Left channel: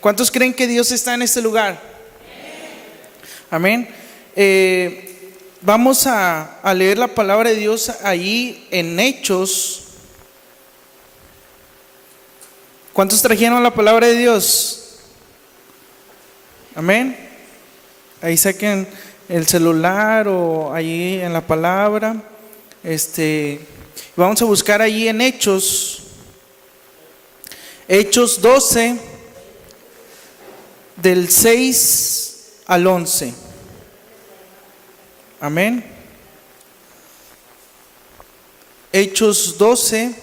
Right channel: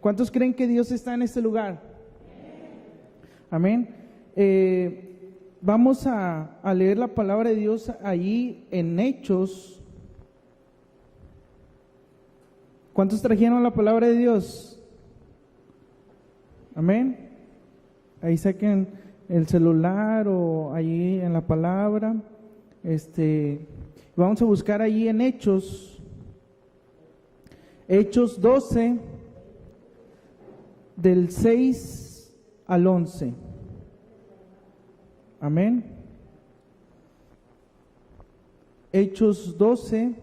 ¿Cuántos creen que Dios está en este lugar? Amén. Vamos a leer la palabra de Dios allí en Hechos. ¿Cuántos trajeron la palabra de Dios? Amén. Ahí saquen el celular o allí en la palabra. Vamos a buscar allí en Hechos 12, del 6 al 11. Amén. Hechos 12.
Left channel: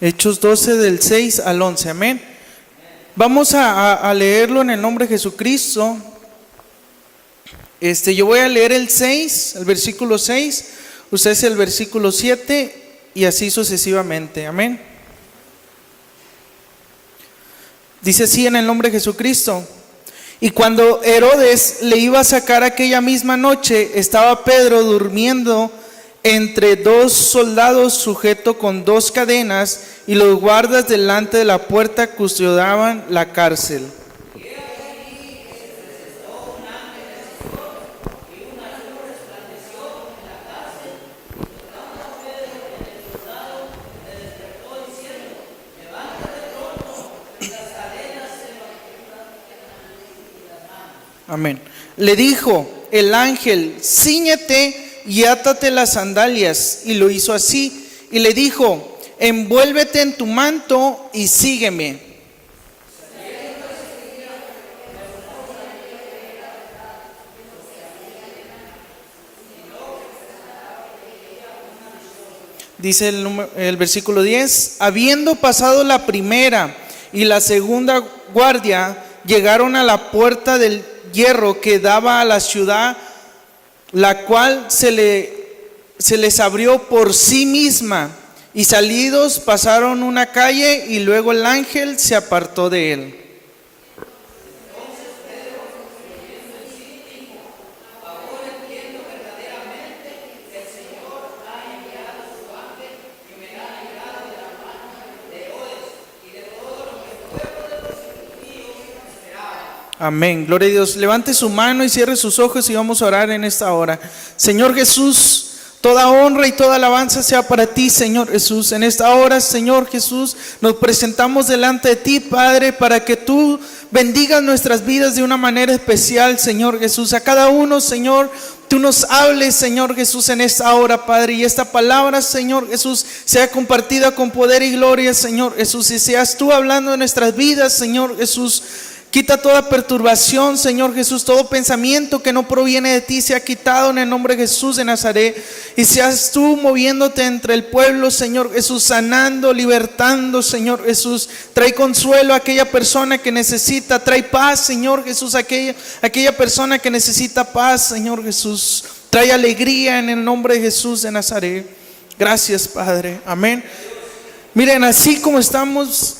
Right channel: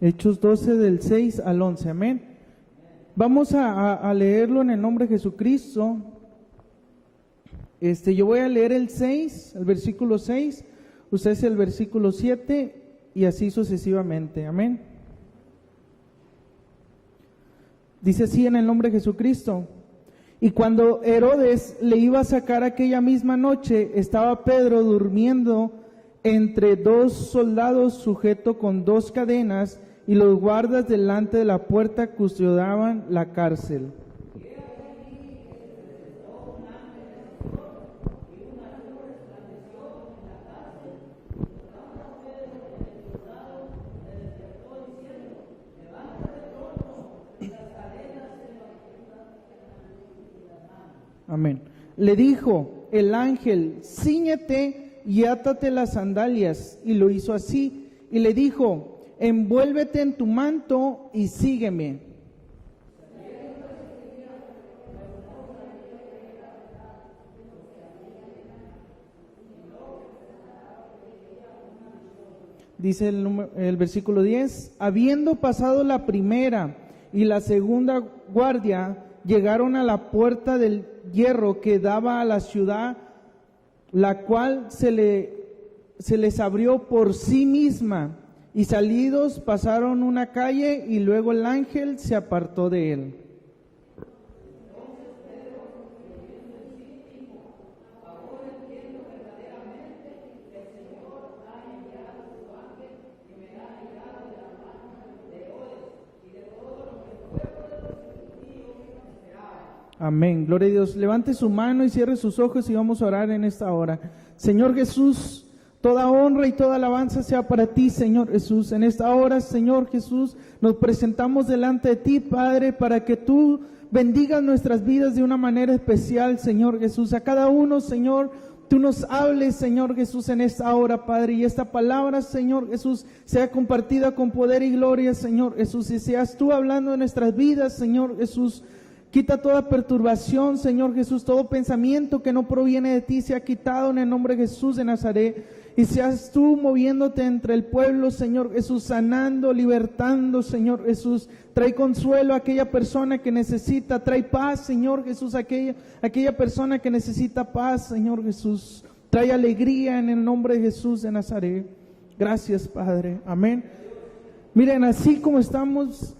Hechos 12 del 6 al 11, amén. Vamos a leerlo en el nombre de Jesucristo. Yo voy a leer el 6, el versículo 6, ustedes el versículo 7 y así sucesivamente, amén. Dice así en el nombre de Jesucristo: y cuando Herodes le iba a sacar aquella misma noche, estaba Pedro durmiendo entre dos soldados sujeto con dos cadenas, y los guardas delante de la puerta custodiaban la cárcel. Amén. Le dijo el ángel: cíñete y átate las sandalias. Y lo hizo así. Y le dijo: envuélvete en tu manto y sígueme. Dice el versículo 10: habiendo pasado la primera y la segunda guardia, llegaron a la puerta del hierro que daba a la ciudad, la cual se les abrió por sí misma, y salidos pasaron una calle, y luego el ángel se apartó de él. Amén, gloria a Dios. Levante su mano y cierre sus ojos y vamos a orar en esta hora. Señor Jesús, toda honra y toda alabanza sea para ti, Señor Jesús. En esta hora, Señor Jesús, nos presentamos delante de ti, Padre, para que tú bendigas nuestras vidas de una manera especial, Señor Jesús. A cada uno, Señor, tú nos hables, Señor Jesús, en esta hora, Padre, y esta palabra, Señor Jesús, sea compartida con poder y gloria, Señor Jesús, y seas tú hablando en nuestras vidas, Señor Jesús. Quita toda perturbación, Señor Jesús, todo pensamiento que no proviene de ti sea quitado en el nombre de Jesús de Nazaret, y seas tú moviéndote entre el pueblo, Señor Jesús, sanando, libertando, Señor Jesús. Trae consuelo a aquella persona que necesita, trae paz, Señor Jesús, a aquella persona que necesita paz, Señor Jesús. Trae alegría en el nombre de Jesús de Nazaret. Gracias, Padre, amén. Miren, así como estamos,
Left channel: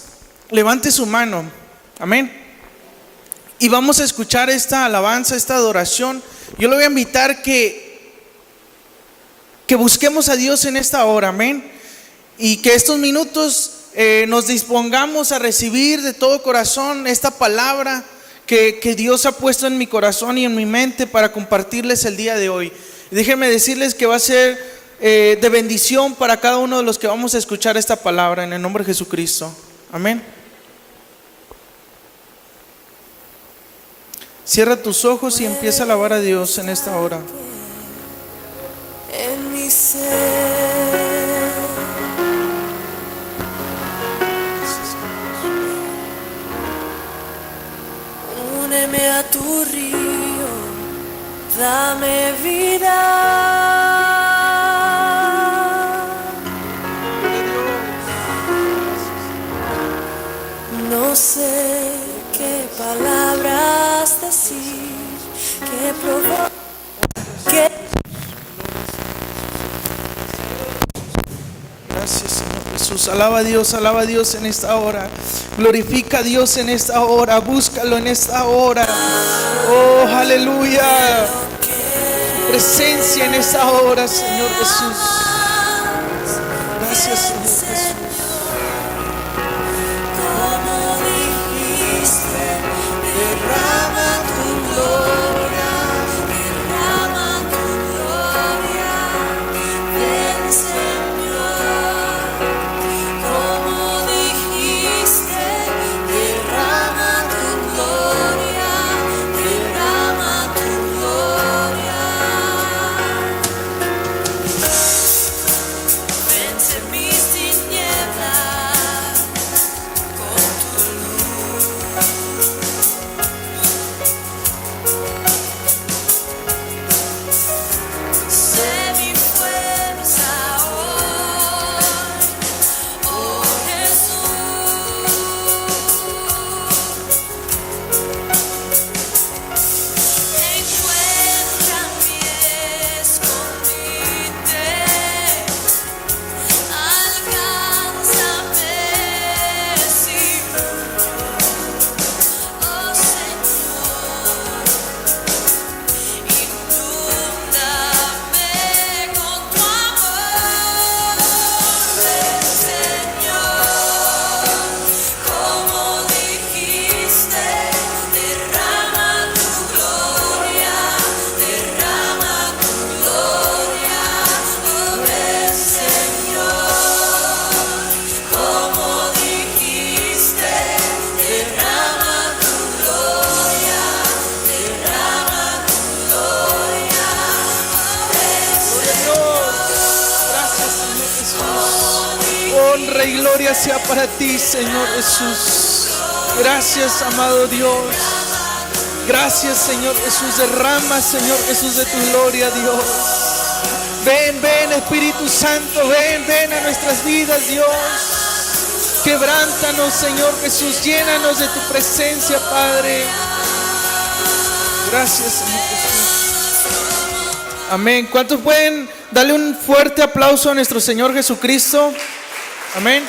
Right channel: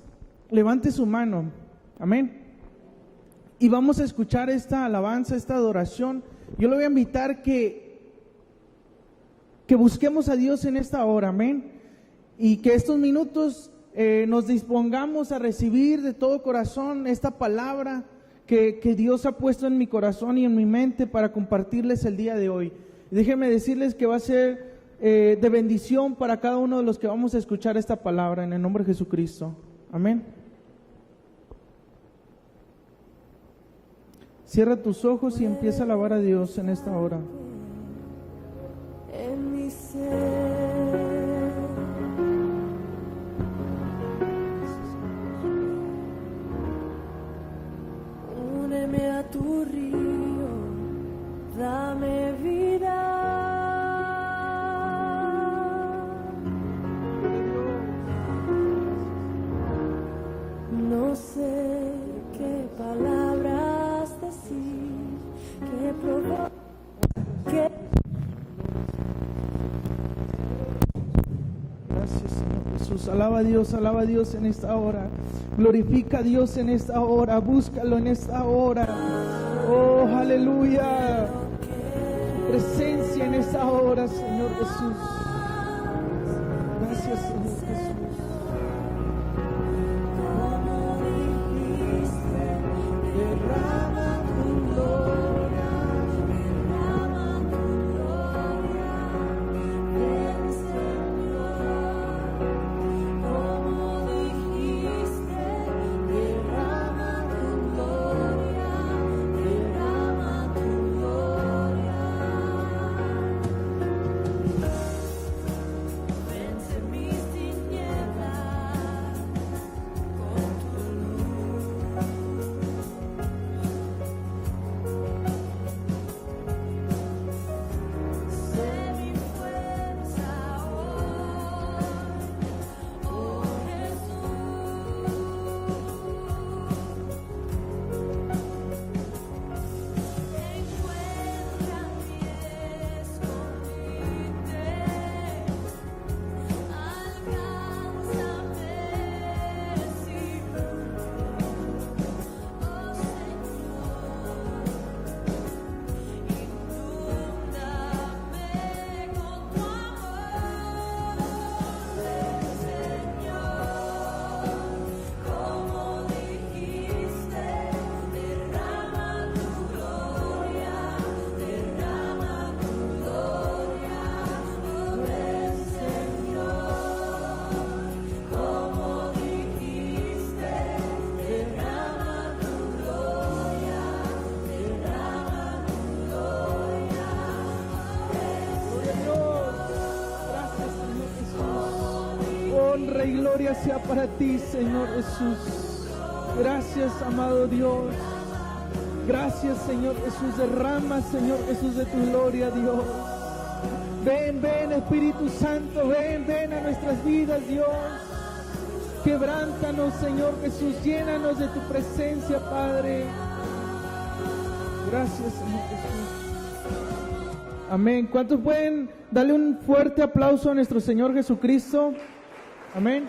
levante su mano, amén. Y vamos a escuchar esta alabanza, esta adoración. Yo le voy a invitar que busquemos a Dios en esta hora, amén. Y que estos minutos nos dispongamos a recibir de todo corazón esta palabra que Dios ha puesto en mi corazón y en mi mente para compartirles el día de hoy. Déjenme decirles que va a ser de bendición para cada uno de los que vamos a escuchar esta palabra en el nombre de Jesucristo, amén. Cierra tus ojos y empieza a alabar a Dios en esta hora. En mi ser, úneme a tu río, dame vida. No sé qué palabras decir, qué provocar, Gracias, Señor Jesús. Alaba a Dios en esta hora. Glorifica a Dios en esta hora. Búscalo en esta hora. Oh, aleluya. Presencia en esta hora, Señor Jesús. Gracias, Señor Jesús. Como dijiste, derrama tu gloria, ven Señor. Como dijiste, derrama tu gloria, derrama tu gloria. Vence mis tinieblas con tu luz. Sé mi fuerza hoy, oh Jesús. Encuentra mi escondite. Alcánzame, Señor, oh Señor, inúndame con tu amor, ven Señor, como dijiste, derrama tu gloria, oh ven Señor. Como dijiste, derrama tu gloria, Gracias, Señor Jesús. Honra y gloria sea para ti, Señor Jesús. Gracias, amado Dios. Gracias, Señor Jesús. Derrama, Señor Jesús, de tu gloria, Dios. Ven, ven, Espíritu Santo. Ven a nuestras vidas, Dios. Quebrántanos, Señor Jesús. Llénanos de tu presencia, Padre. Gracias, Señor Jesús. Amén. ¿Cuántos pueden darle un fuerte aplauso a nuestro Señor Jesucristo? Amén.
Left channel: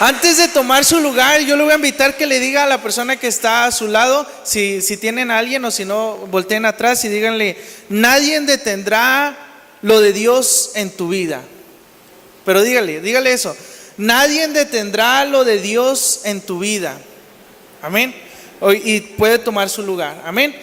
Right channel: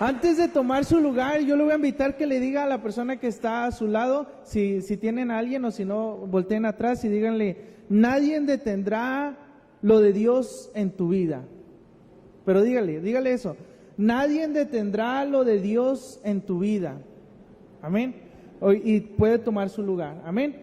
Antes de tomar su lugar, yo le voy a invitar que le diga a la persona que está a su lado, si tienen a alguien o si no, volteen atrás y díganle: nadie detendrá lo de Dios en tu vida. Pero dígale eso: nadie detendrá lo de Dios en tu vida. Amén. Y puede tomar su lugar. Amén.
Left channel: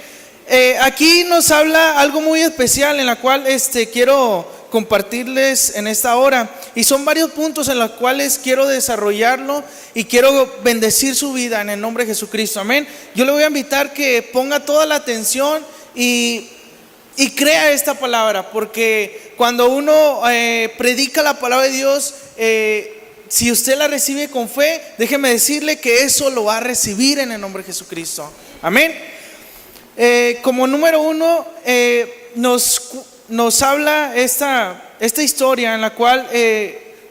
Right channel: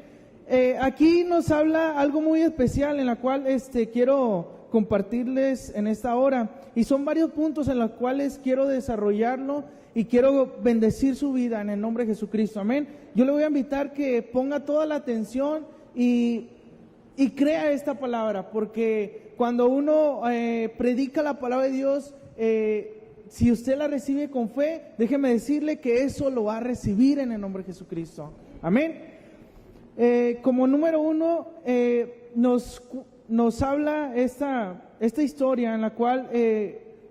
Aquí nos habla algo muy especial en la cual quiero compartirles en esta hora, y son varios puntos en los cuales quiero desarrollarlo y quiero bendecir su vida en el nombre de Jesucristo. Amén. Yo le voy a invitar que ponga toda la atención y crea esta palabra, porque cuando uno predica la palabra de Dios, si usted la recibe con fe, déjeme decirle que eso lo va a recibir en el nombre de Jesucristo. Amén. Como número uno, nos habla esta historia en la cual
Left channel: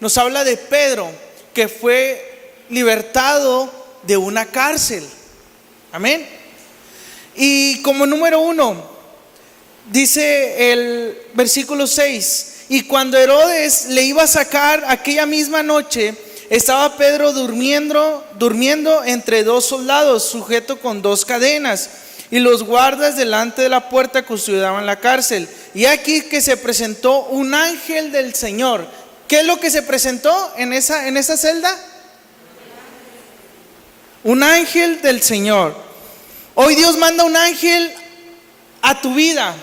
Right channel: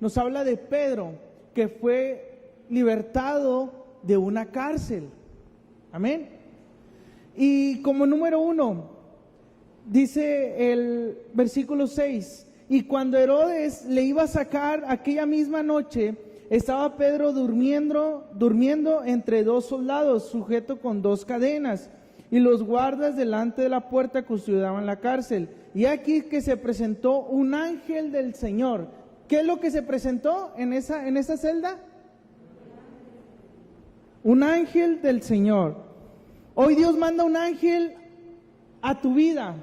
nos habla de Pedro, que fue libertado de una cárcel. Amén. Y como número uno, dice el versículo 6: y cuando Herodes le iba a sacar aquella misma noche, estaba Pedro durmiendo entre dos soldados, sujeto con dos cadenas, y los guardas delante de la puerta custodiaban la cárcel. Y aquí que se presentó un ángel del Señor. ¿Qué es lo que se presentó en esa celda? Un ángel del Señor. Hoy Dios manda un ángel a tu vida,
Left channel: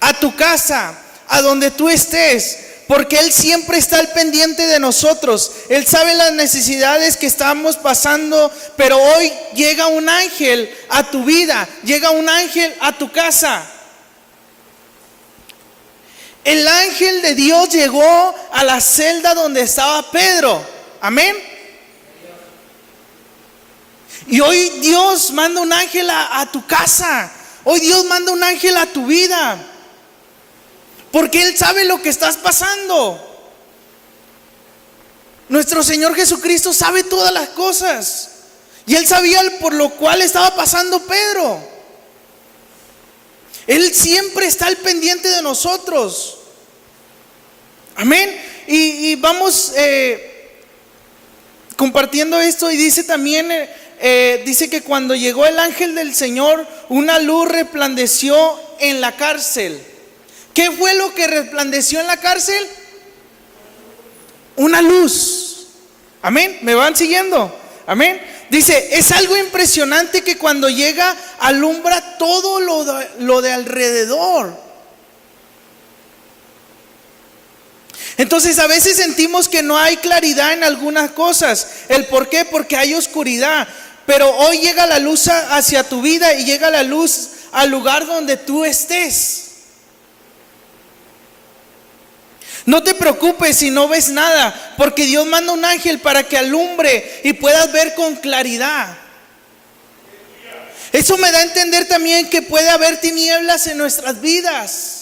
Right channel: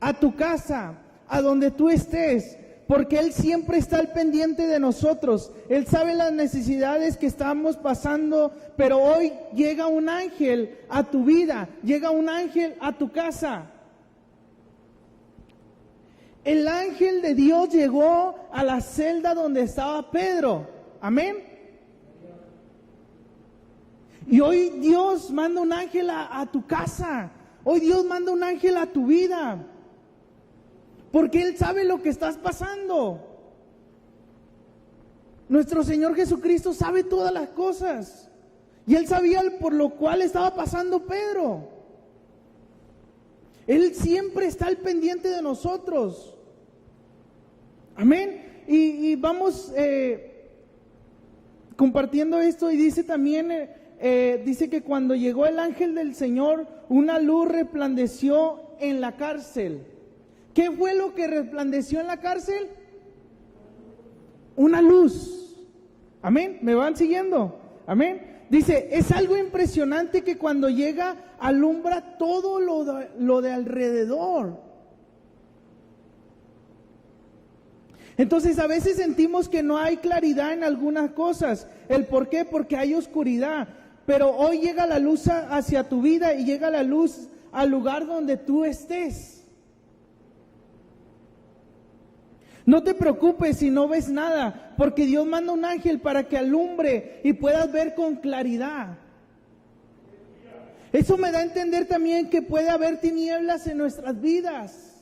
a tu casa, a donde tú estés, porque Él siempre está al pendiente de nosotros. Él sabe las necesidades que estamos pasando, pero hoy llega un ángel a tu vida, llega un ángel a tu casa. El ángel de Dios llegó a la celda donde estaba Pedro. Amén. Y hoy Dios manda un ángel a tu casa. Hoy Dios manda un ángel a tu vida, porque Él sabe lo que estás pasando. Nuestro Señor Jesucristo sabe todas las cosas, y Él sabía por lo cual estaba pasando Pedro. Él siempre está al pendiente de nosotros. Amén. Y vamos compartiendo esto y dice también, dice que cuando llegó el ángel del Señor, una luz resplandeció en la cárcel. ¿Qué fue lo que resplandeció en la cárcel? Una luz. Amén, ¿me van siguiendo? Amén. Dice, es algo impresionante que cuando llega alumbra todo lo de alrededor. Entonces a veces sentimos que no hay claridad en algunas cosas. ¿El por qué? Porque hay oscuridad. Pero hoy llega la luz hacia tu vida y llega la luz al lugar donde tú estés. No te preocupes si no ves nada, porque Dios manda un ángel para que alumbre y puedas ver con claridad. Eso me da a entender también que puede haber tinieblas en nuestras vidas.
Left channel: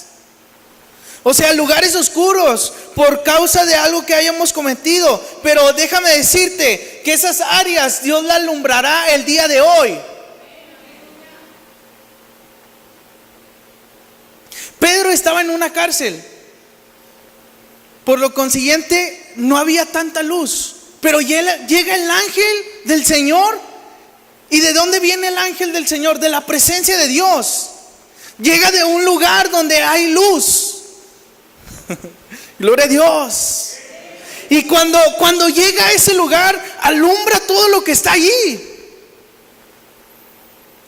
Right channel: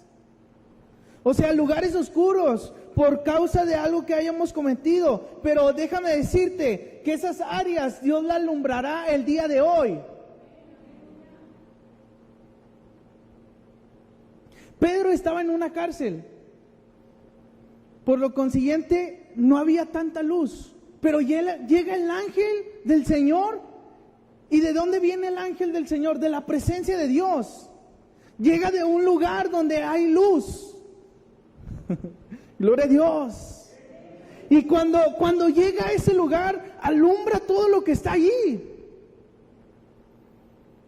O sea, lugares oscuros por causa de algo que hayamos cometido. Pero déjame decirte que esas áreas Dios las alumbrará el día de hoy. Pedro estaba en una cárcel. Por lo consiguiente, no había tanta luz. Pero llega el ángel del Señor. ¿Y de dónde viene el ángel del Señor? De la presencia de Dios. Llega de un lugar donde hay luz. Gloria a Dios. Y cuando llega a ese lugar, alumbra todo lo que está allí.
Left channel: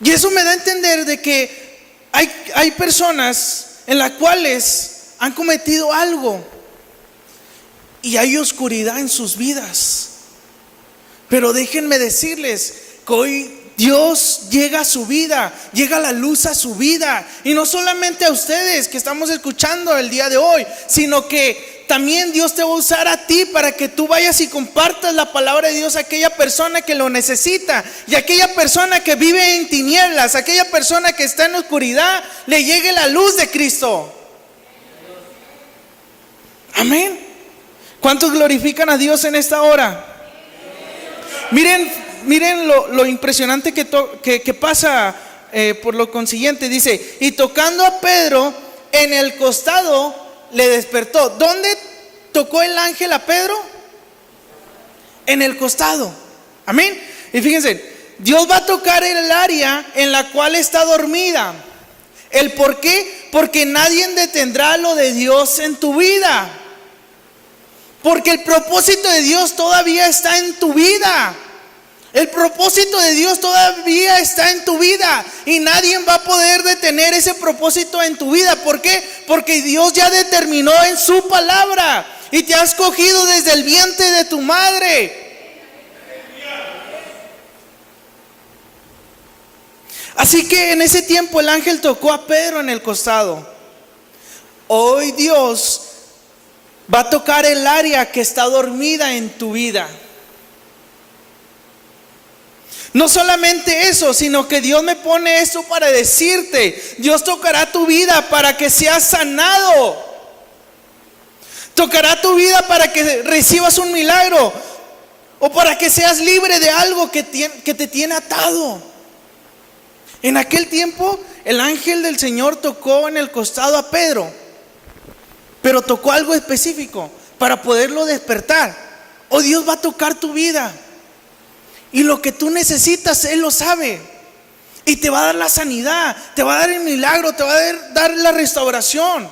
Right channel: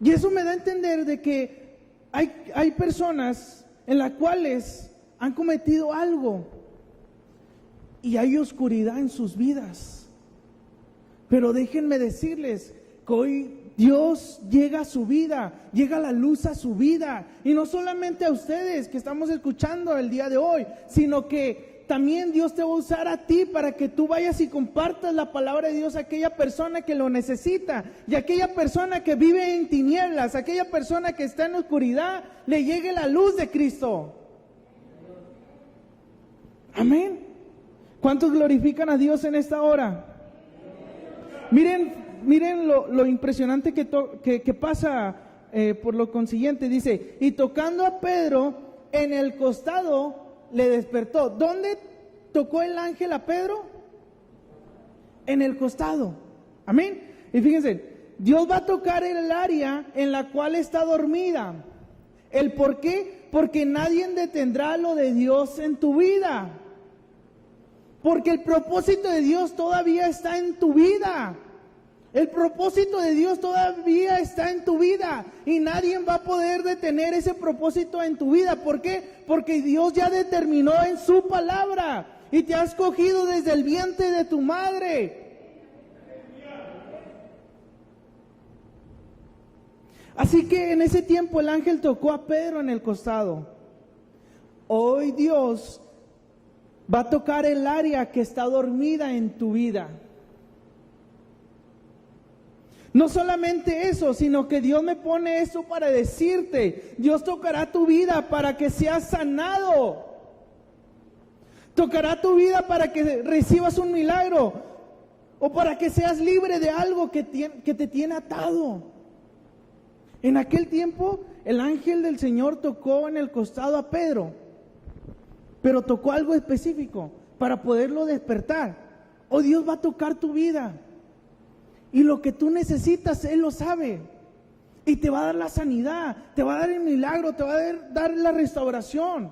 Y eso me da a entender de que hay personas en las cuales han cometido algo y hay oscuridad en sus vidas. Pero déjenme decirles que hoy Dios llega a su vida, llega la luz a su vida. Y no solamente a ustedes que estamos escuchando el día de hoy, sino que también Dios te va a usar a ti para que tú vayas y compartas la palabra de Dios a aquella persona que lo necesita. Y a aquella persona que vive en tinieblas, a aquella persona que está en oscuridad, le llegue la luz de Cristo. Amén. ¿Cuántos glorifican a Dios en esta hora? Miren lo impresionante que pasa por lo consiguiente. Dice, y tocando a Pedro en el costado, le despertó. ¿Dónde tocó el ángel a Pedro? En el costado. Amén. Y fíjense, Dios va a tocar el área en la cual está dormida. ¿El por qué? Porque nadie detendrá lo de Dios en tu vida. Porque el propósito de Dios todavía está en tu vida. El propósito de Dios todavía está en tu vida. Y nadie va a poder detener ese propósito en tu vida. ¿Por qué? Porque Dios ya determinó en su palabra. Y te ha escogido desde el vientre de tu madre. Así que en ese tiempo el ángel tocó a Pedro en el costado. Hoy Dios va a tocar el área que está dormida en tu vida. No solamente eso, sino que Dios me pone esto para decirte, Dios tocará tu vida para que seas sanado. Tocará tu vida para que recibas un milagro o para que seas libre de algo que te tiene atado. En aquel tiempo el ángel del Señor tocó en el costado a Pedro, pero tocó algo específico para poderlo despertar. Oh, Dios va a tocar tu vida. Y lo que tú necesitas, Él lo sabe. Y te va a dar la sanidad, te va a dar el milagro, te va a dar la restauración.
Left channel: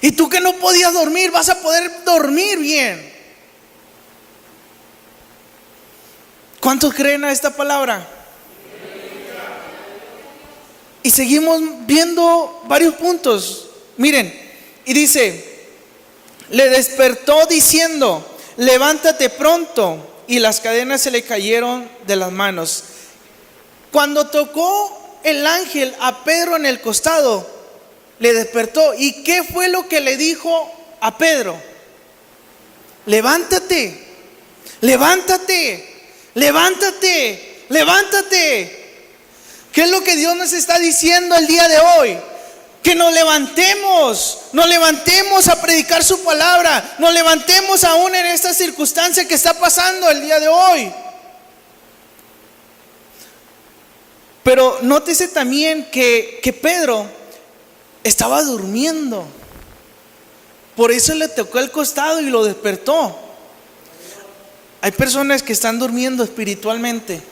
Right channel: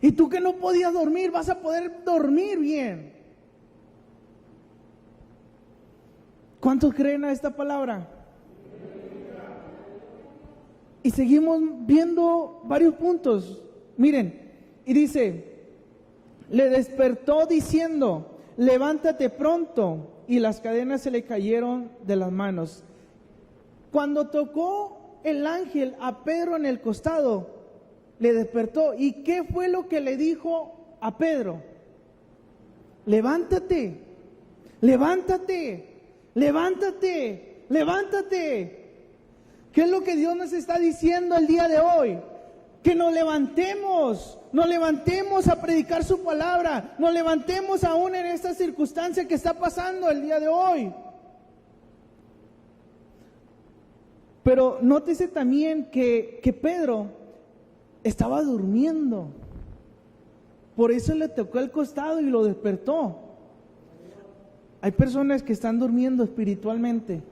Y tú que no podías dormir, vas a poder dormir bien. ¿Cuántos creen a esta palabra? Y seguimos viendo varios puntos. Miren, y dice, le despertó diciendo, levántate pronto. Y las cadenas se le cayeron de las manos. Cuando tocó el ángel a Pedro en el costado, le despertó. ¿Y qué fue lo que le dijo a Pedro? Levántate, levántate, levántate, levántate. ¿Qué es lo que Dios nos está diciendo el día de hoy? Que nos levantemos a predicar su palabra, nos levantemos aún en esta circunstancia que está pasando el día de hoy. Pero nótese también que Pedro estaba durmiendo. por eso le tocó el costado y lo despertó. Hay personas que están durmiendo espiritualmente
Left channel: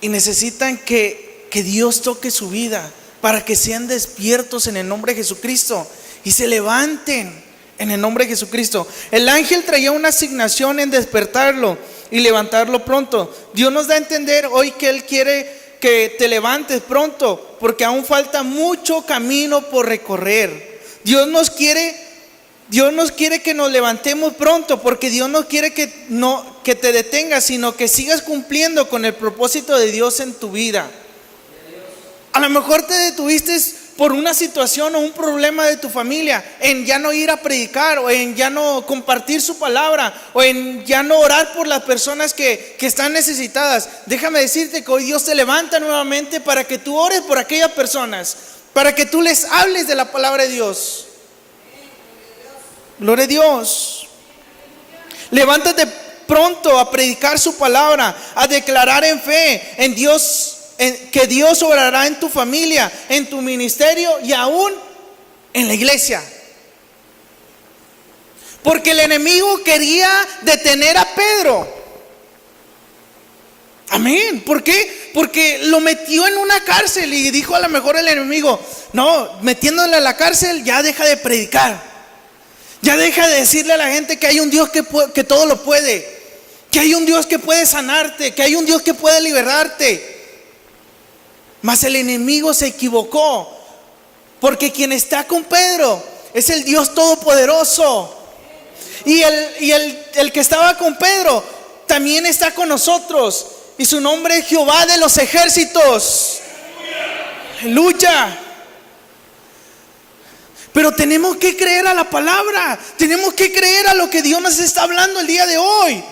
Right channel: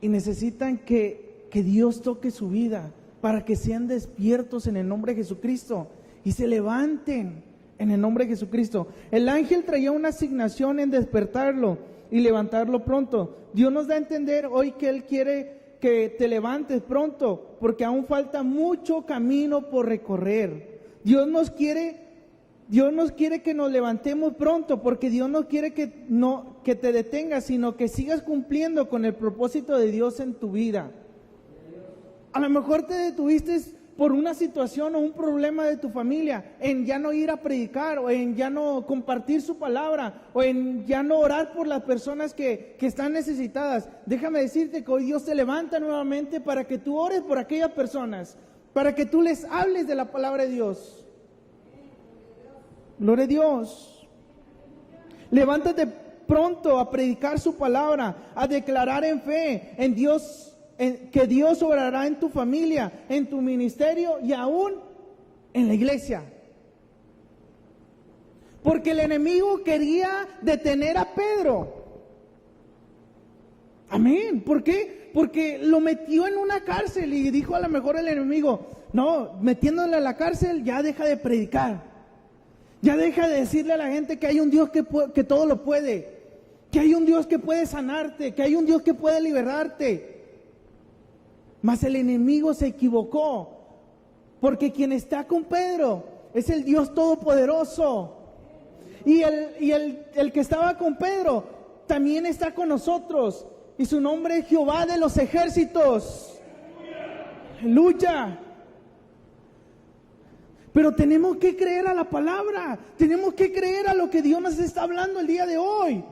y necesitan que Dios toque su vida para que sean despiertos en el nombre de Jesucristo y se levanten en el nombre de Jesucristo. El ángel traía una asignación en despertarlo y levantarlo pronto. Dios nos da a entender hoy que Él quiere que te levantes pronto, porque aún falta mucho camino por recorrer. Dios nos quiere que nos levantemos pronto, porque Dios no quiere que te detengas, sino que sigas cumpliendo con el propósito de Dios en tu vida. A lo mejor te detuviste por una situación o un problema de tu familia, en ya no ir a predicar, o en ya no compartir su palabra, o en ya no orar por las personas que están necesitadas. Déjame decirte que hoy Dios te levanta nuevamente para que tú ores por aquellas personas, para que tú les hables de la palabra de Dios. Gloria a Dios. Levántate pronto a predicar su palabra, a declarar en fe en Dios, que Dios obrará en tu familia, en tu ministerio y aún en la iglesia. Porque el enemigo quería detener a Pedro. Amén. ¿Por qué? Porque lo metió en una cárcel y dijo a lo mejor el enemigo: no, metiéndole a la cárcel ya deja de predicar, ya deja de decirle a la gente que hay un Dios que todo lo puede, que hay un Dios que puede sanarte, que hay un Dios que puede liberarte. Mas el enemigo se equivocó, porque quien está con Pedro es el Dios Todopoderoso. Y el que estaba con Pedro también está con nosotros, y su nombre es Jehová de los ejércitos. Aleluya. Pero tenemos que creer a la palabra, tenemos que creer a lo que Dios nos está hablando el día de hoy.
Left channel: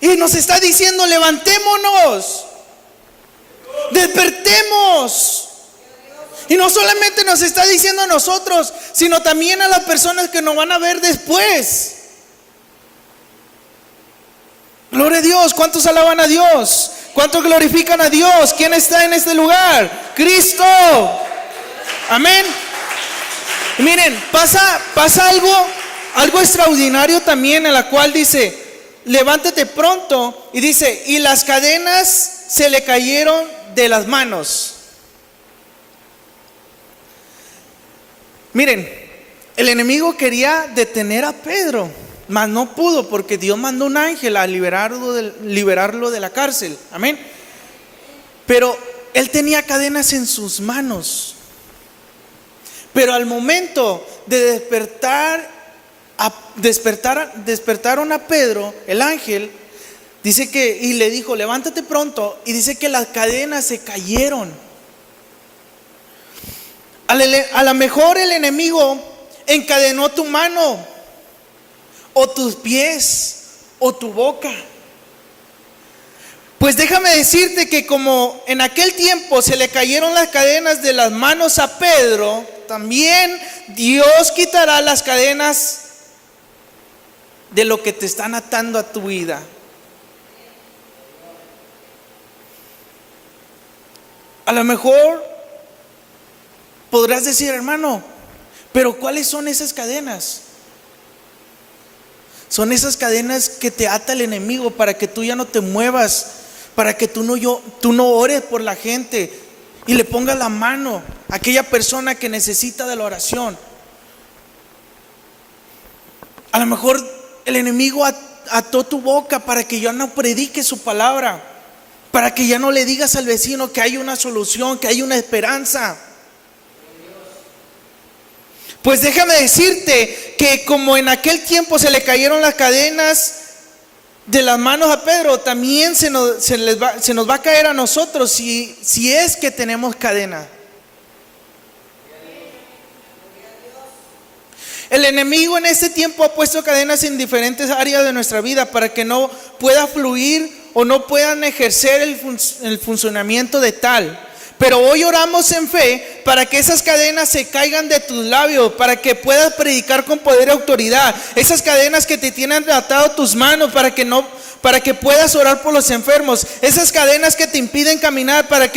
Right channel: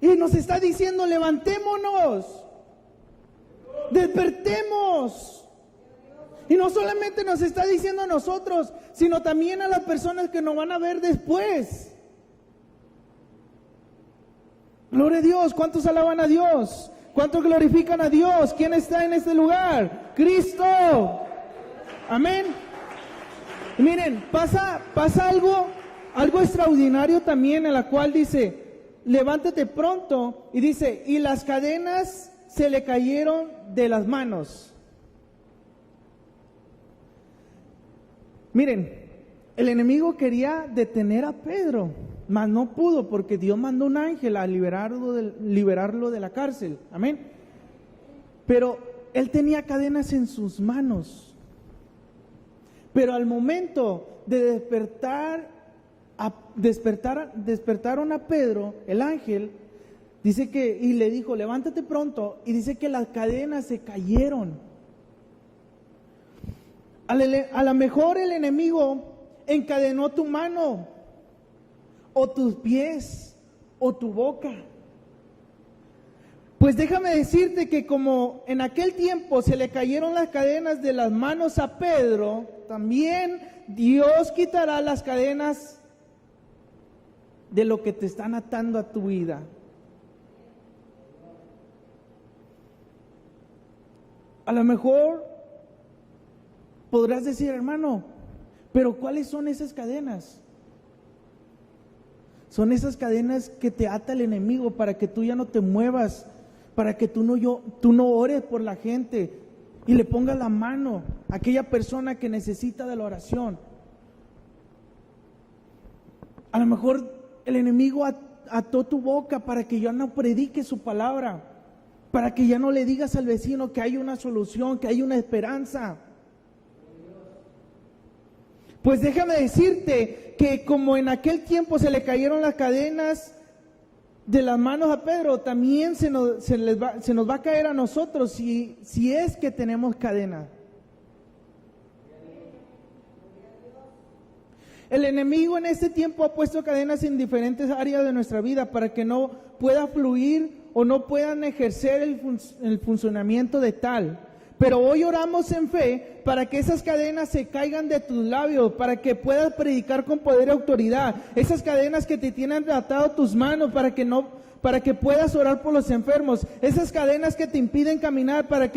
Y nos está diciendo: levantémonos, despertemos. Y no solamente nos está diciendo a nosotros, sino también a las personas que nos van a ver después. Gloria a Dios. ¿Cuántos alaban a Dios? ¿Cuántos glorifican a Dios? ¿Quién está en este lugar? Cristo. Amén. Y miren, pasa algo extraordinario también, en la cual dice: levántate pronto. Y dice: y las cadenas se le cayeron de las manos. Miren, el enemigo quería detener a Pedro, mas no pudo, porque Dios mandó un ángel a liberarlo de la cárcel. Amén. Pero él tenía cadenas en sus manos. Pero al momento de despertaron a Pedro, el ángel dice que, y le dijo: levántate pronto. Y dice que las cadenas se cayeron. A lo mejor el enemigo encadenó tu mano, o tus pies, o tu boca. Pues déjame decirte que como en aquel tiempo se le cayeron las cadenas de las manos a Pedro, también Dios quitará las cadenas de lo que te están atando a tu vida. A lo mejor podrás decir: hermano, pero ¿cuáles son esas cadenas? Son esas cadenas que te ata el enemigo para que tú ya no te muevas, para que tú no ores por la gente y le pongas la mano a aquella persona que necesita de la oración. A lo mejor el enemigo ató tu boca para que ya no prediques su palabra, para que ya no le digas al vecino que hay una solución, que hay una esperanza. Pues déjame decirte que como en aquel tiempo se le cayeron las cadenas de las manos a Pedro, también se nos va a caer a nosotros si es que tenemos cadena. El enemigo en este tiempo ha puesto cadenas en diferentes áreas de nuestra vida para que no pueda fluir o no puedan ejercer el funcionamiento de tal. Pero hoy oramos en fe para que esas cadenas se caigan de tus labios, para que puedas predicar con poder y autoridad. Esas cadenas que te tienen atado tus manos para que puedas orar por los enfermos. Esas cadenas que te impiden caminar para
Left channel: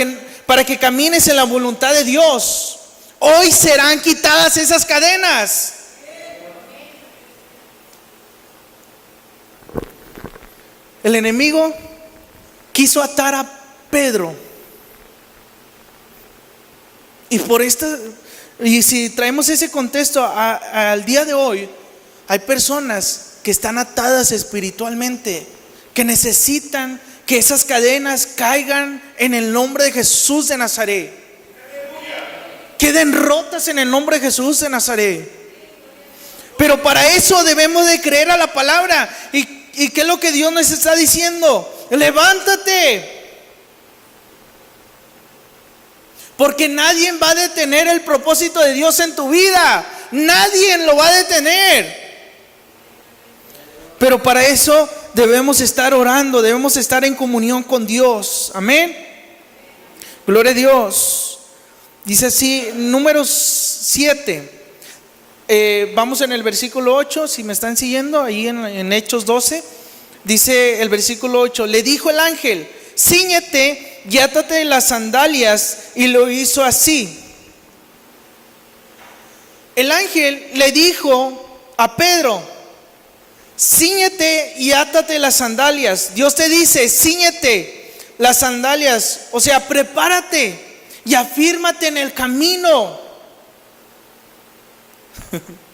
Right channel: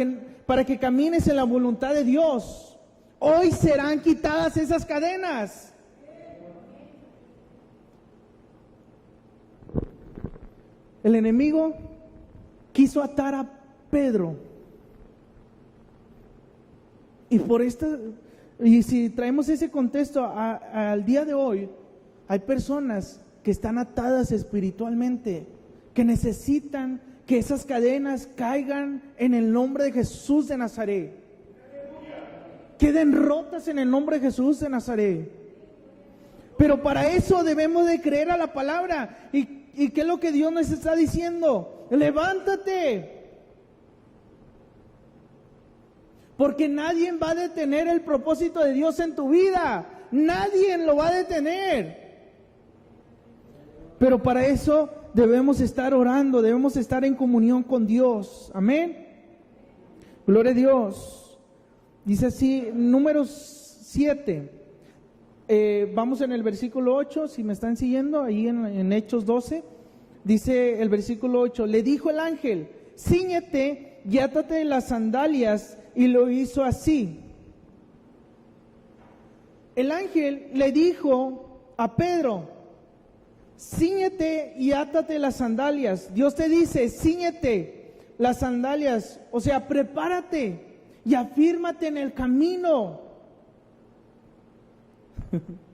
que camines en la voluntad de Dios. Hoy serán quitadas esas cadenas. El enemigo quiso atar a Pedro. Y si traemos ese contexto al día de hoy, hay personas que están atadas espiritualmente, que necesitan que esas cadenas caigan en el nombre de Jesús de Nazaret. Queden rotas en el nombre de Jesús de Nazaret. Pero para eso debemos de creer a la palabra. ¿Y qué es lo que Dios nos está diciendo? Levántate. Porque nadie va a detener el propósito de Dios en tu vida. Nadie lo va a detener. Pero para eso debemos estar orando, debemos estar en comunión con Dios. Amén. Gloria a Dios. Dice así, Números 7. Vamos en el versículo 8, si me están siguiendo, ahí en Hechos 12. Dice el versículo 8, le dijo el ángel, cíñete y átate las sandalias, y lo hizo así. El ángel le dijo a Pedro, cíñete y átate las sandalias. Dios te dice, cíñete las sandalias, o sea, prepárate y afírmate en el camino.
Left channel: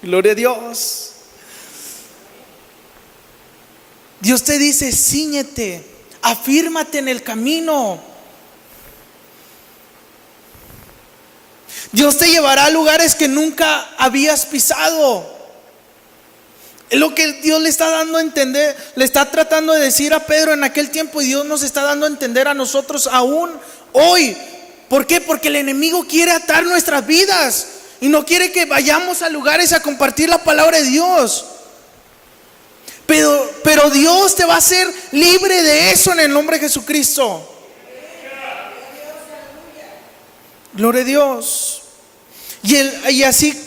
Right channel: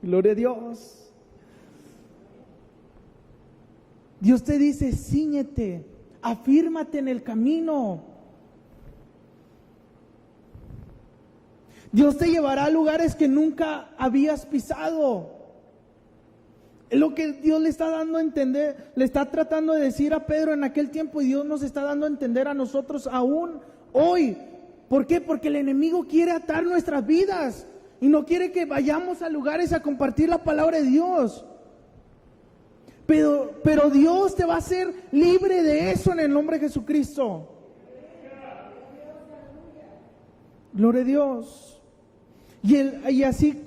Gloria a Dios. Dios te dice, cíñete, afírmate en el camino. Dios te llevará a lugares que nunca habías pisado. Es lo que Dios le está dando a entender, le está tratando de decir a Pedro en aquel tiempo, y Dios nos está dando a entender a nosotros aún hoy. ¿Por qué? Porque el enemigo quiere atar nuestras vidas y no quiere que vayamos a lugares a compartir la palabra de Dios. Pero Dios te va a hacer libre de eso en el nombre de Jesucristo. Gloria a Dios. Y así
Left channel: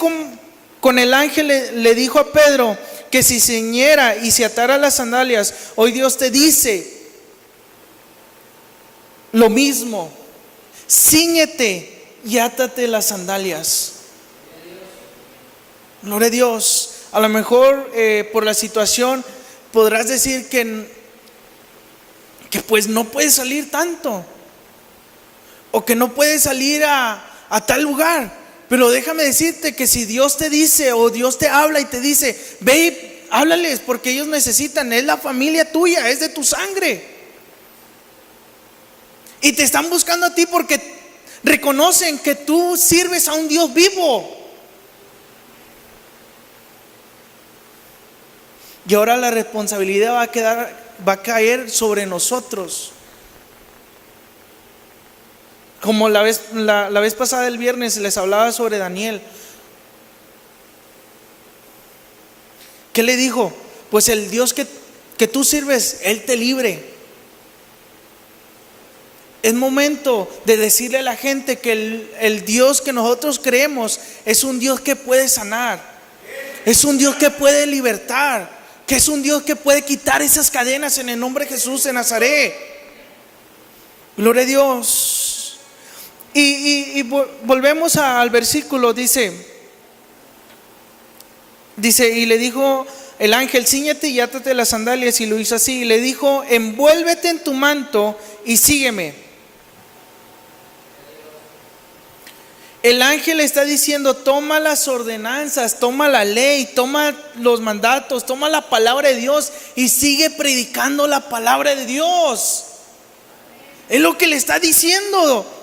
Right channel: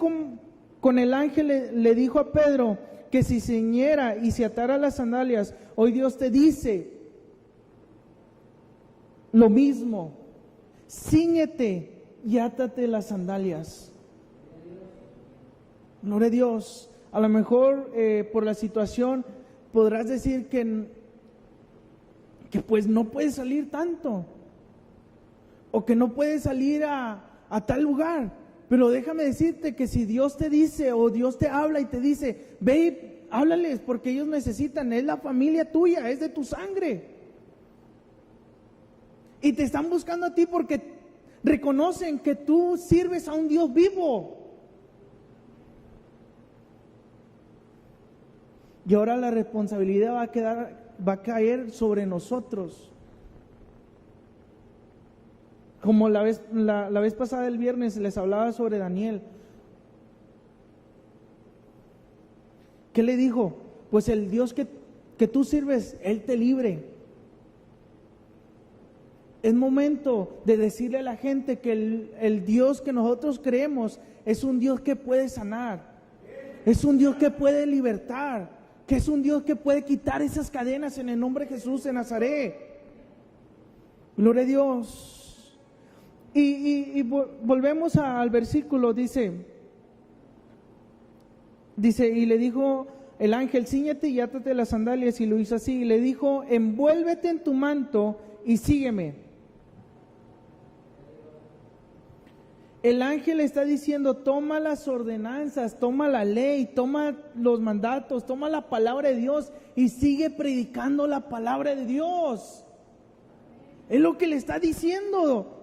con el ángel le dijo a Pedro que si ciñera y se atara las sandalias, hoy Dios te dice lo mismo. Cíñete y átate las sandalias. Gloria a Dios. A lo mejor por la situación podrás decir que pues no puedes salir tanto, o que no puedes salir a tal lugar. Pero déjame decirte que si Dios te dice, o Dios te habla y te dice, ve, háblales, porque ellos necesitan, es la familia tuya, es de tu sangre. Y te están buscando a ti porque reconocen que tú sirves a un Dios vivo. Y ahora la responsabilidad va a caer sobre nosotros. Como la vez pasada, el viernes, les hablaba sobre Daniel. ¿Qué le dijo? Pues el Dios que tú sirves, Él te libre. Es momento de decirle a la gente que el Dios que nosotros creemos es un Dios que puede sanar, es un Dios que puede libertar, que es un Dios que puede quitar esas cadenas en el nombre de Jesús de Nazaret. Gloria a Dios. Y volvemos al versículo. Dice, y le dijo el ángel, cíñete y átate las sandalias, y lo hizo así. Y le dijo, envuélvete en tu manto y sígueme. El ángel está diciendo, toma las ordenanzas, toma la ley, toma los mandatos, toma la palabra de Dios y sigue predicando la palabra de Dios. Es lo que le está diciendo.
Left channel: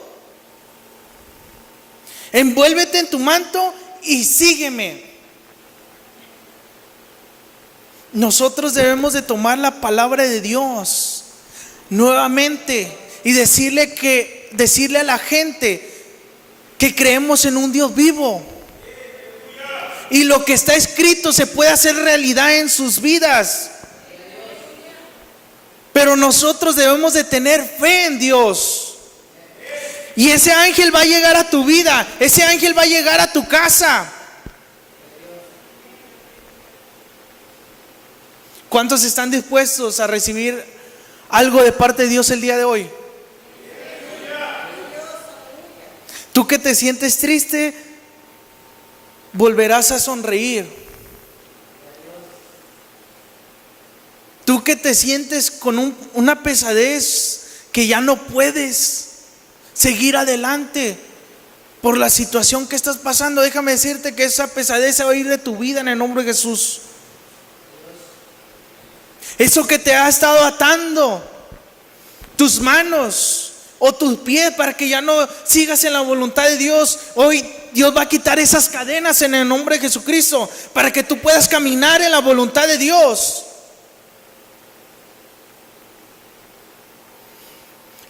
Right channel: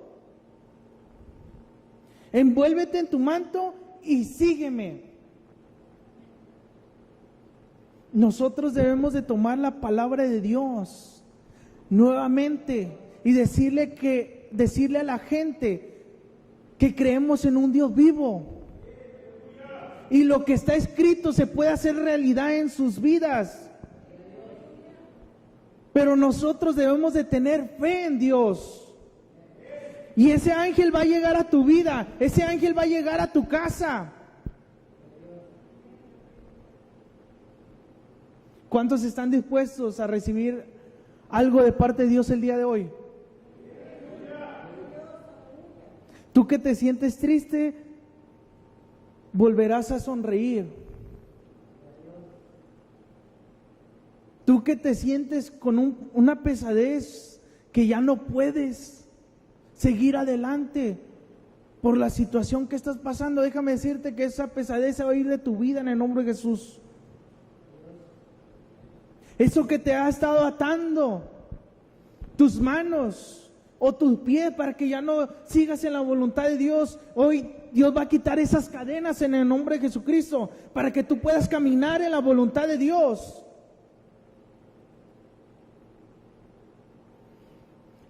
Envuélvete en tu manto y sígueme. Nosotros debemos de tomar la palabra de Dios nuevamente y decirle a la gente que creemos en un Dios vivo, y lo que está escrito se puede hacer realidad en sus vidas. Pero nosotros debemos de tener fe en Dios. Y ese ángel va a llegar a tu vida, ese ángel va a llegar a tu casa. ¿Cuántos están dispuestos a recibir algo de parte de Dios el día de hoy? Tú que te sientes triste, volverás a sonreír. Tú que te sientes con una pesadez, que ya no puedes seguir adelante por la situación que estás pasando, déjame decirte que esa pesadez se va a ir de tu vida en el nombre de Jesús. Eso que te ha estado atando tus manos o tus pies para que ya no sigas en la voluntad de Dios, hoy Dios va a quitar esas cadenas en el nombre de Jesucristo para que tú puedas caminar en la voluntad de Dios.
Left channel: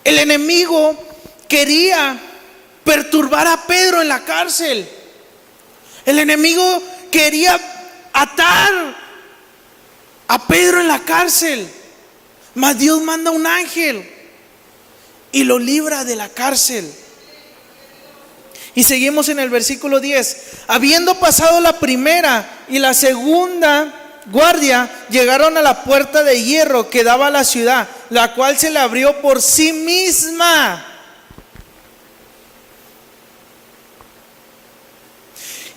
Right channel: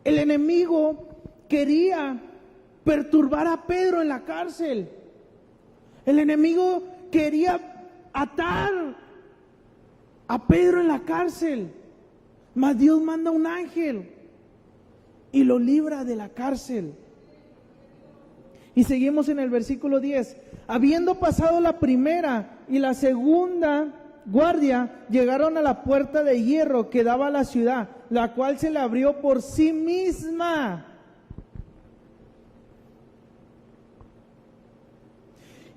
El enemigo quería perturbar a Pedro en la cárcel. El enemigo quería atar a Pedro en la cárcel, mas Dios manda un ángel y lo libra de la cárcel. Y seguimos en el versículo 10. Habiendo pasado la primera y la segunda guardia, llegaron a la puerta de hierro que daba a la ciudad, la cual se le abrió por sí misma.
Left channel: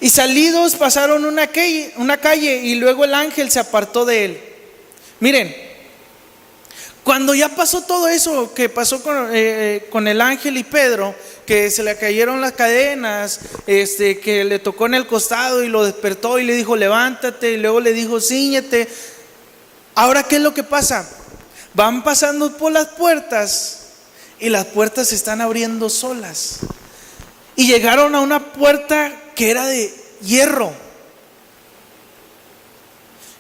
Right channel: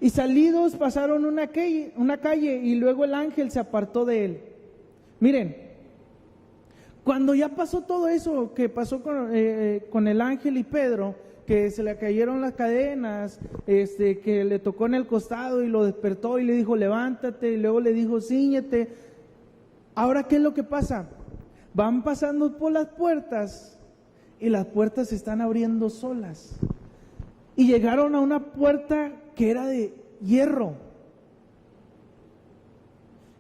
Y salidos pasaron una calle y luego el ángel se apartó de él. Miren, cuando ya pasó todo eso que pasó con el ángel y Pedro, que se le cayeron las cadenas, que le tocó en el costado y lo despertó y le dijo levántate, y luego le dijo cíñete. Ahora, ¿qué es lo que pasa? Van pasando por las puertas y las puertas se están abriendo solas. Y llegaron a una puerta que era de hierro,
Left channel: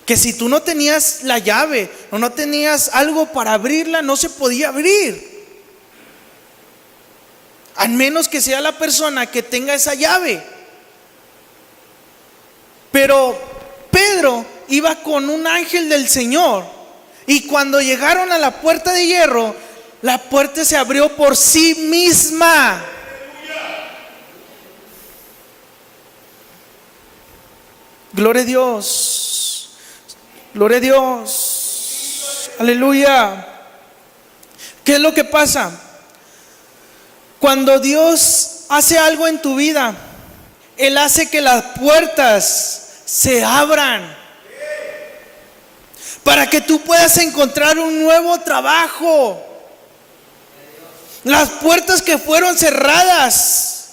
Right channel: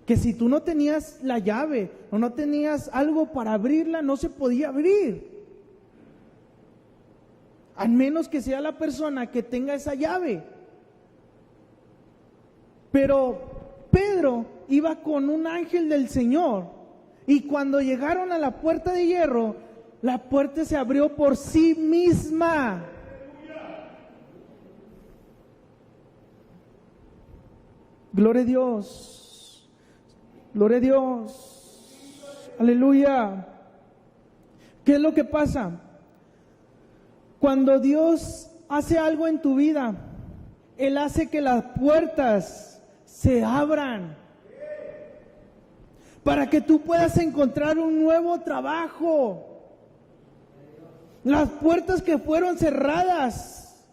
que si tú no tenías la llave o no tenías algo para abrirla, no se podía abrir, al menos que sea la persona que tenga esa llave. Pero Pedro iba con un ángel del Señor, y cuando llegaron a la puerta de hierro, la puerta se abrió por sí misma. Gloria a Dios, gloria a Dios, aleluya. ¿Qué es lo que pasa? Cuando Dios hace algo en tu vida, Él hace que las puertas se abran para que tú puedas encontrar un nuevo trabajo. Las puertas que fueron cerradas,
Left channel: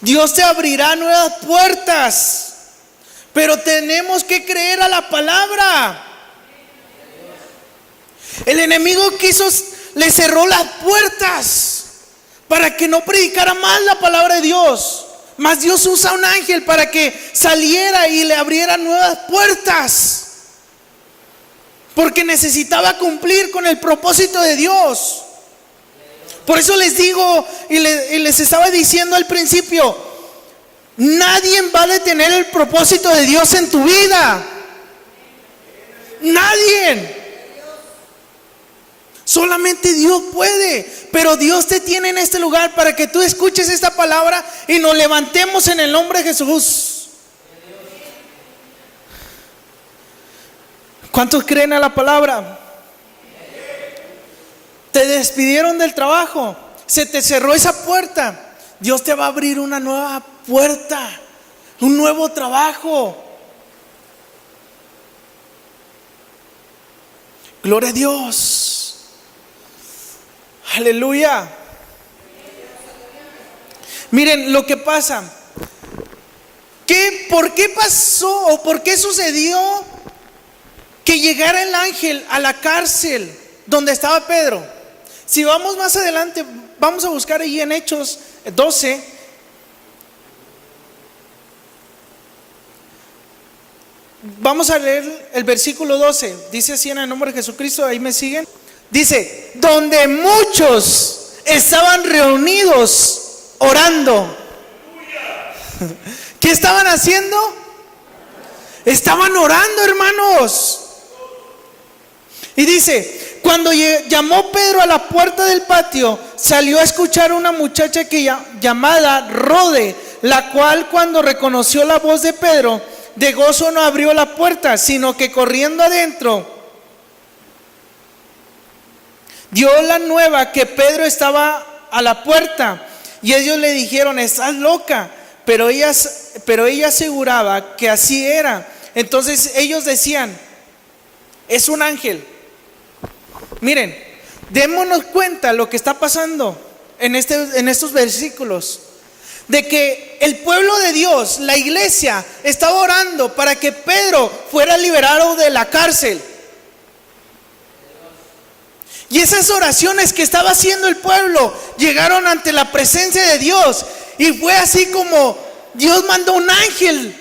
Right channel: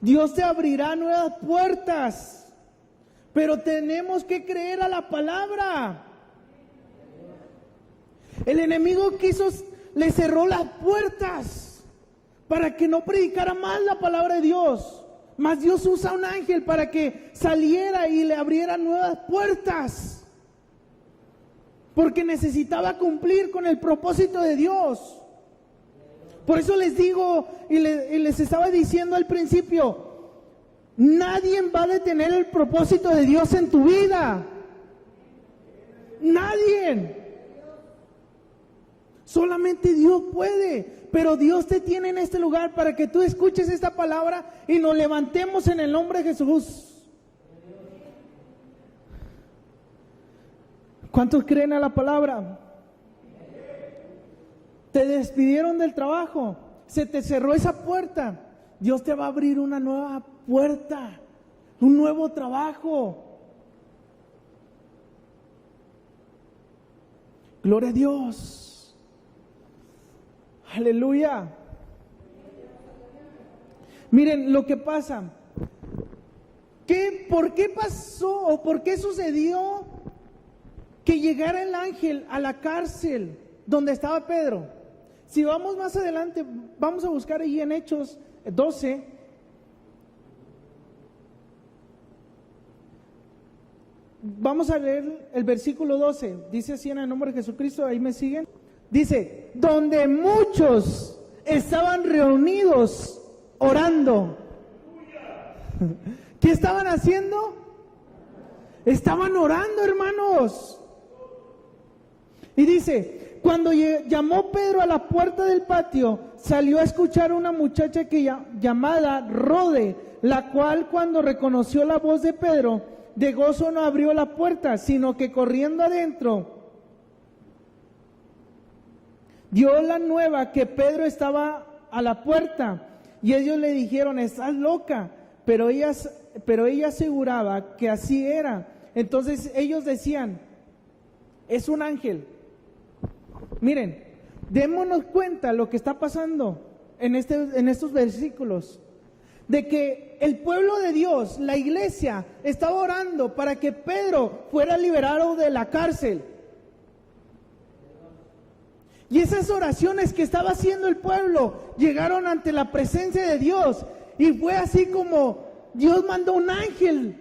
Dios te abrirá nuevas puertas. Pero tenemos que creer a la palabra. El enemigo le cerró las puertas para que no predicara más la palabra de Dios. Mas Dios usa un ángel para que saliera y le abriera nuevas puertas, porque necesitaba cumplir con el propósito de Dios. Por eso les digo y les estaba diciendo al principio, nadie va a detener el propósito de Dios en tu vida. Nadie. Solamente Dios puede. Pero Dios te tiene en este lugar para que tú escuches esta palabra y nos levantemos en el nombre de Jesús. ¿Cuántos creen a la palabra? Te despidieron del trabajo, se te cerró esa puerta. Dios te va a abrir una nueva puerta, un nuevo trabajo. Gloria a Dios, aleluya. Miren lo que pasa. ¿Por qué pasó o por qué sucedió que llegara el ángel a la cárcel donde estaba Pedro? Si vamos más adelante, vamos a buscar ahí en Hechos 12. Vamos a leer el versículo 12. Dice así en el nombre de Jesucristo, ahí me siguen. Dice, donde muchos estaban reunidos orando. ¿Qué estaban haciendo? Estaban orando, hermanos. Y dice, cuando llamó Pedro a la puerta del patio, salió a escuchar una muchacha llamada Rode, la cual cuando reconoció la voz de Pedro, de gozo no abrió la puerta, sino que corriendo adentro dio la nueva que Pedro estaba a la puerta. Y ellos le dijeron, estás loca. Pero ella aseguraba que así era. Entonces ellos decían, es un ángel. Miren, démonos cuenta lo que está pasando en estos versículos, de que el pueblo de Dios, la iglesia, estaba orando para que Pedro fuera liberado de la cárcel. Y esas oraciones que estaba haciendo el pueblo llegaron ante la presencia de Dios, y fue así como Dios mandó un ángel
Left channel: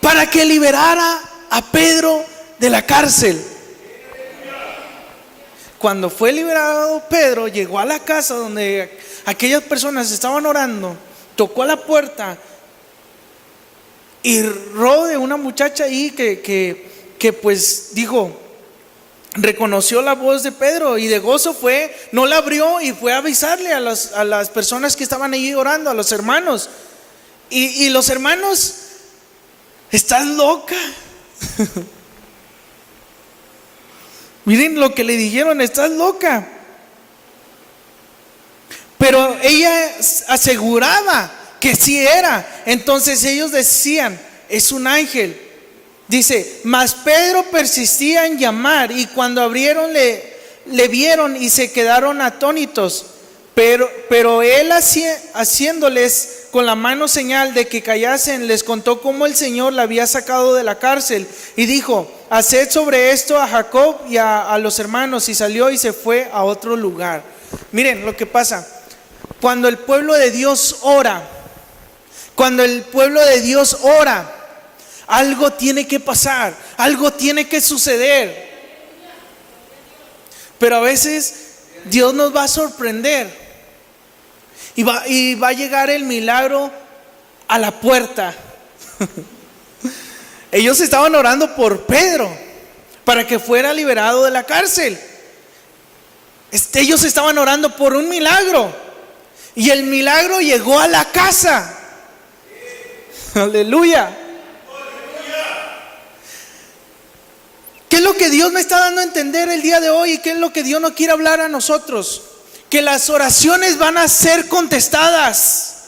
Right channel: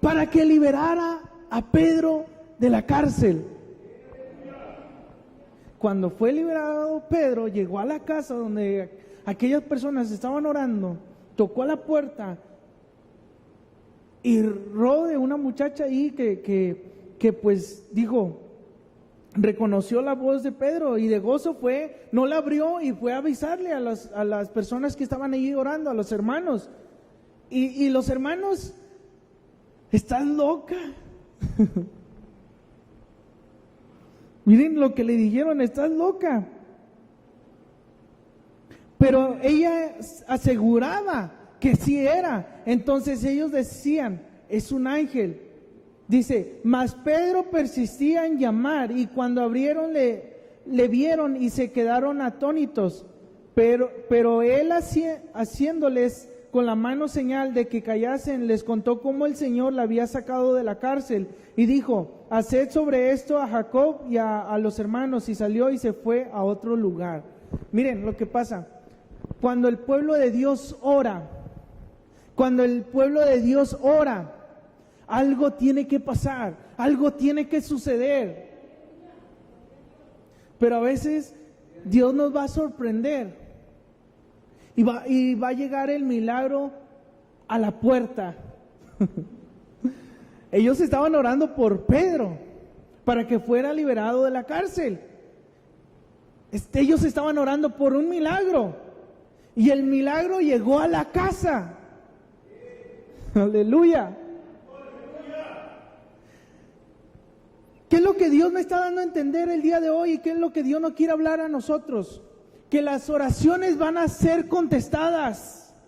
para que liberara a Pedro de la cárcel. Cuando fue liberado Pedro, llegó a la casa donde aquellas personas estaban orando, tocó a la puerta y de una muchacha ahí que pues dijo, reconoció la voz de Pedro, y de gozo fue, no la abrió y fue a avisarle a las personas que estaban ahí orando, a los hermanos. Y los hermanos, ¿estás loca? Miren lo que le dijeron, estás loca. Pero ella aseguraba que sí era. Entonces ellos decían, es un ángel. Dice, mas Pedro persistía en llamar, y cuando abrieron le vieron y se quedaron atónitos. Pero él haciéndoles con la mano señal de que callasen, les contó cómo el Señor la había sacado de la cárcel, y dijo, haced sobre esto a Jacob y a los hermanos, y salió y se fue a otro lugar. Miren lo que pasa cuando el pueblo de Dios ora. Cuando el pueblo de Dios ora, algo tiene que pasar, algo tiene que suceder. Pero a veces Dios nos va a sorprender y va a llegar el milagro a la puerta. Ellos estaban orando por Pedro para que fuera liberado de la cárcel. Ellos estaban orando por un milagro, y el milagro llegó a la casa. Aleluya. ¿Qué es lo que Dios me está dando a entender el día de hoy? ¿Y qué es lo que Dios no quiere hablar a nosotros? Que las oraciones van a ser contestadas,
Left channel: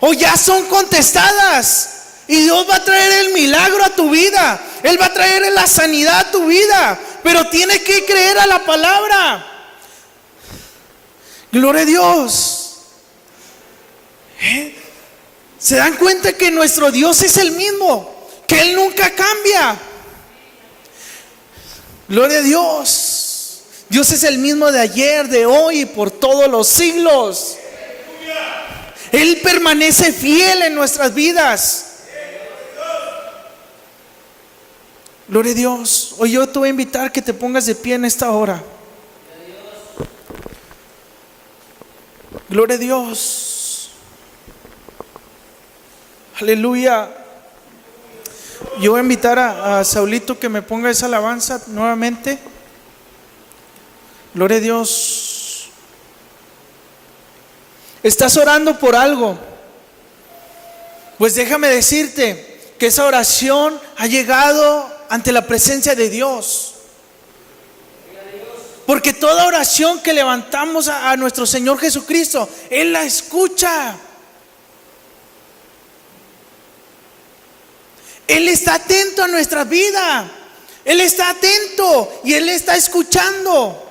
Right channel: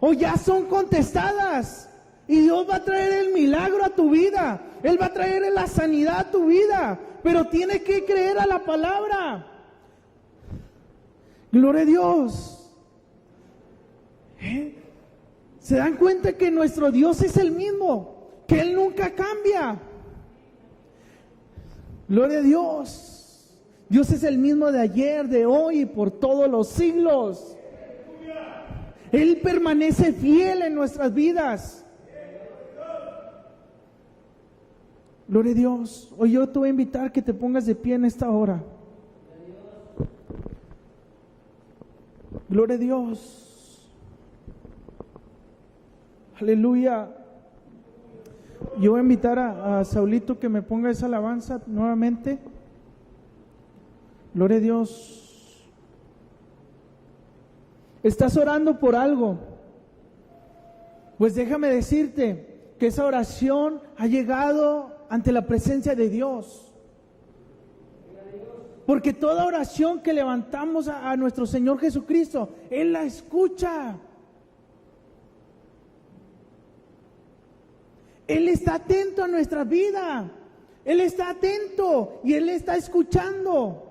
o ya son contestadas, y Dios va a traer el milagro a tu vida. Él va a traer la sanidad a tu vida, pero tienes que creer a la palabra. Gloria a Dios. ¿Se dan cuenta que nuestro Dios es el mismo? Que Él nunca cambia. Gloria a Dios. Dios es el mismo de ayer, de hoy y por todos los siglos. Él permanece fiel en nuestras vidas. Gloria a Dios. Hoy yo te voy a invitar que te pongas de pie en esta hora. Gloria a Dios. Aleluya. Yo voy a invitar a Saulito que me ponga esa alabanza nuevamente. Gloria a Dios. ¿Estás orando por algo? Pues déjame decirte que esa oración ha llegado ante la presencia de Dios. Porque toda oración que levantamos a nuestro Señor Jesucristo, Él la escucha. Él está atento a nuestra vida. Él está atento y Él está escuchando.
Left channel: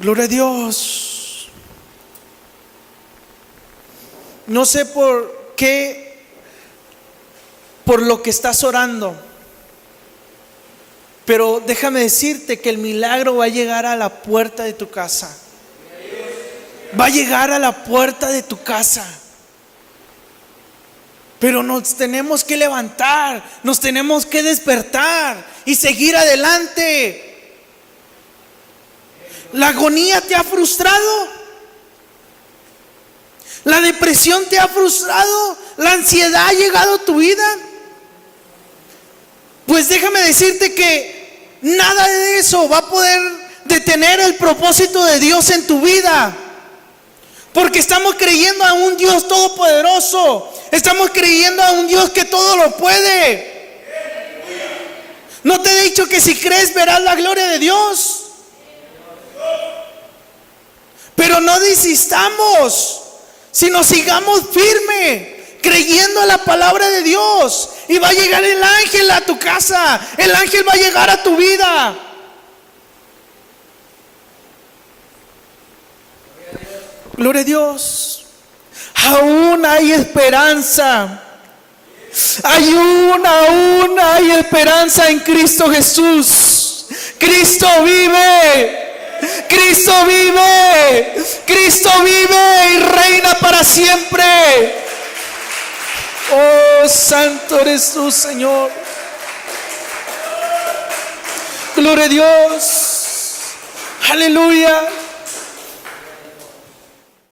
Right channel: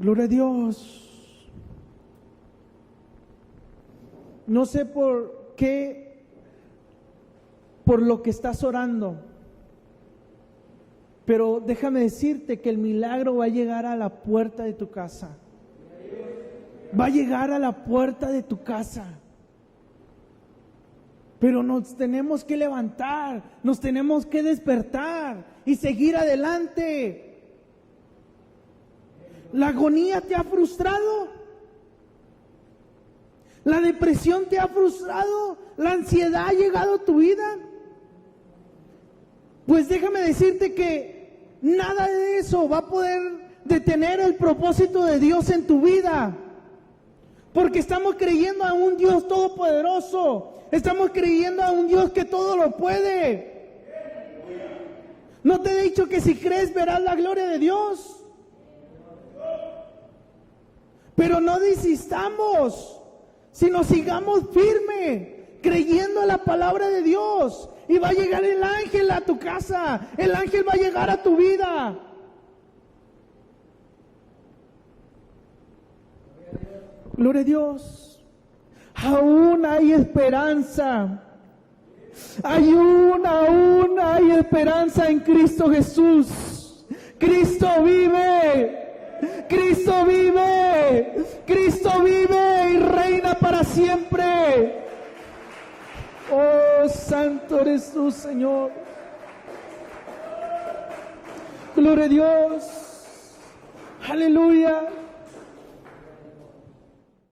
Gloria a Dios. No sé por qué, por lo que estás orando, pero déjame decirte que el milagro va a llegar a la puerta de tu casa. Va a llegar a la puerta de tu casa. Pero nos tenemos que levantar, nos tenemos que despertar y seguir adelante. ¿La agonía te ha frustrado? ¿La depresión te ha frustrado? ¿La ansiedad ha llegado a tu vida? Pues déjame decirte que nada de eso va a poder detener el propósito de Dios en tu vida. Porque estamos creyendo a un Dios todopoderoso. Estamos creyendo a un Dios que todo lo puede. ¿No te he dicho que si crees verás la gloria de Dios? Pero no desistamos, sino sigamos firme, creyendo a la palabra de Dios. Y va a llegar el ángel a tu casa. El ángel va a llegar a tu vida. Gloria a Dios. Aún hay esperanza. Aún hay esperanza en Cristo Jesús. Cristo vive. Cristo vive. Cristo vive y reina para siempre. Oh, santo eres tú, Señor. Gloria a Dios. Aleluya.